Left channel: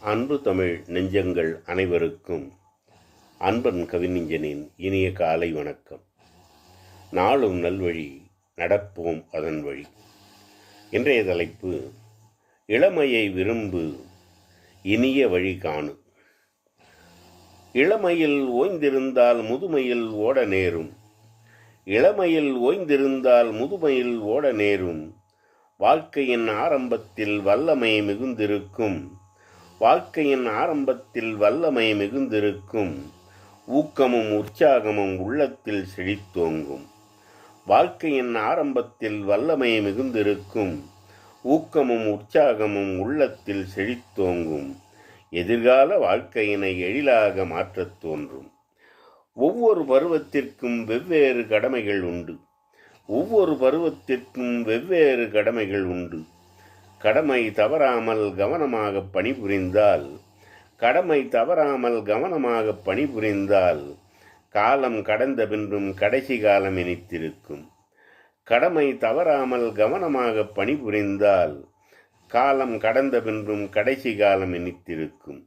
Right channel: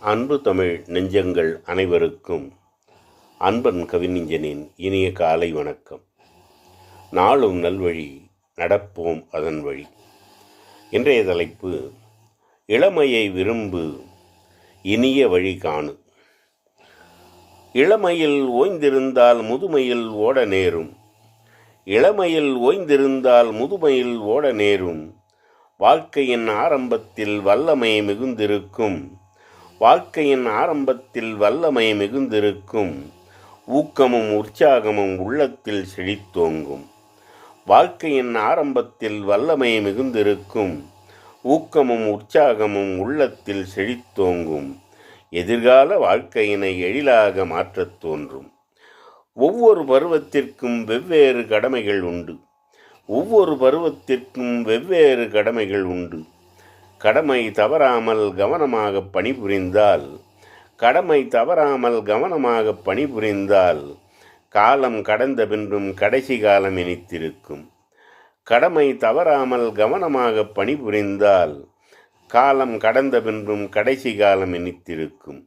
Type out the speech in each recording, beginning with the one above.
அன்பு தமிழ் நெஞ்சங்கள் அனைவருக்கும் அன்பன் கவிநெஞ்சனின் இனிய காலை வணக்கம். நாளும் நல்வழி நடப்போம் அதன் வழி. இன்றைய தலைப்பு இளமையை விரும்பு இனிய வழி காணு. இளமையில் ஓய்ந்திருந்தால் முதுமையில் ஓட நேரும். இளமையில் ஓய்ந்திருந்தால் முதுமையில் ஓட நேரும். வாழ்க்கையின் ஆரம்பத்தில் வல்லமை மிகுந்திருக்கும். வாழ்க்கையின் ஆரம்பத்தில் வல்லமை மிகுந்திருக்கும். ஊக்கமும் உற்சாகமும் உள்ளத்தில் செழித்தோங்கும். வாழ்க்கையின் ஆரம்பத்தில் வல்லமை மிகுந்திருக்கும். ஊக்கமும் உற்சாகமும் உள்ளத்தில் செழித்தோங்கும். எதிர்கால வாழ்க்கையினை எழிலாக மாற்றத் தோன்றும். ஒவ்வொரு பருவத்திற்கும் வெவ்வேறு கடமைகள் உண்டு. ஒவ்வொரு பருவத்திற்கும் வெவ்வேறு கடமைகள் உண்டு. கடமை தவறாமல் கவனமாக பணிபுரிந்தால் கடமை தவறாமல் கவனமாக பணிபுரிந்தால் காலம் கடந்த பின்றும் கடைசி காலம் இனித்திருக்கும். கடமை தவறாமல் கவனமாக பணிபுரிந்தால் காலம் கடந்த பின்றும் கடைசி காலம் இனித்திருக்கும்.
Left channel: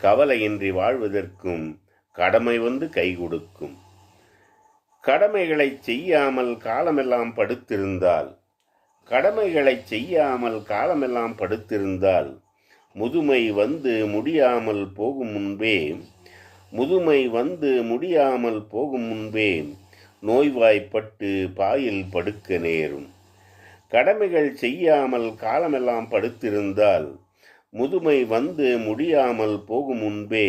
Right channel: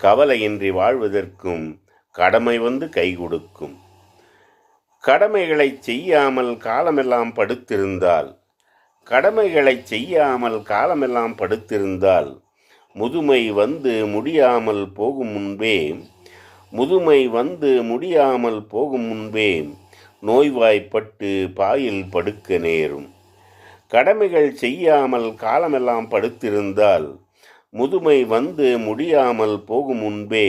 கவலையின்றி வாழ்வதற்கும் கடமை வந்து கை கொடுக்கும். கடமைகளை செய்யாமல் காலமெல்லாம் படுத்திருந்தால் கடமைகளை செய்யாமல் காலமெல்லாம் படுத்திருந்தால் முதுமை வந்து முடியாமல் போகும் முன்பே முதுமை வந்து முடியாமல் போகும் முன்பே நோய்வாய்ப்பட்டு பாயில் படுக்க நேரும். கடமைகள் செய்யாமல் காலமெல்லாம் படுத்திருந்தால் முதுமை வந்து முடியாமல் போகும் முன்பே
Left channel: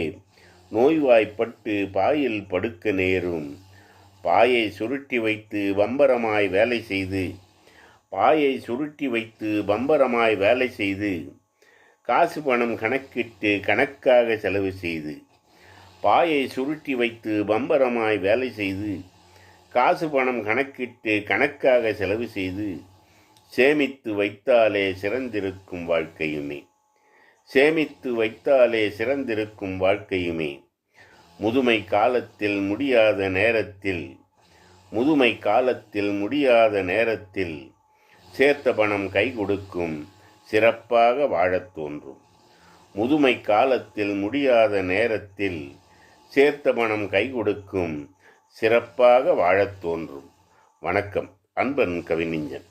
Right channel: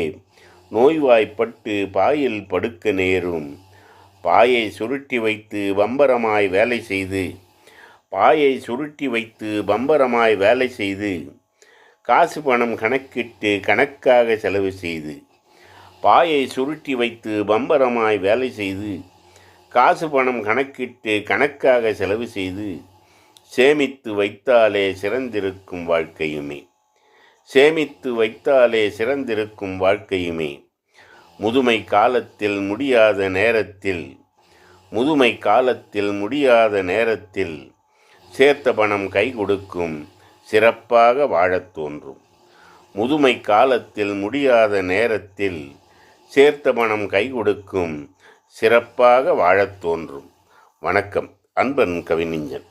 நோய்வாய்ப்பட்டு பாயில் படுக்க நேரும். பாயை சுருட்டி வைத்து பம்பரமாய் வேலை செய்து பாயை சுருட்டி வைத்து பம்பரமாய் வேலை செய்து காசு பணம் கணக்கிட்டு கணக்காக செலவு செய்து பாயை சுருட்டி வைத்து பம்பரமாய் வேலை செய்து காசு பணம் கணக்கிட்டு கணக்காக செலவு செய்து சேமித்து வைத்தாலே சிறந்திருக்கும் வாழ்க்கையுமே. சேமித்து வைத்தாலே சிறந்திருக்கும் வாழ்க்கையுமே. முதுமை காலத்தில் முடியாத நேரத்தில் முதுமை காலத்தில் முடியாத நேரத்தில் சேர்த்த பணம் கை கொடுக்கும் சிறப்பாக வாழத் தோன்றும். முதுமை காலத்தில் முடியாத நேரத்தில் சேர்த்த பணம் கை கொடுக்கும் சிறப்பாக வாழத் தோன்றும். வணக்கம். அன்பன் கவிஞன்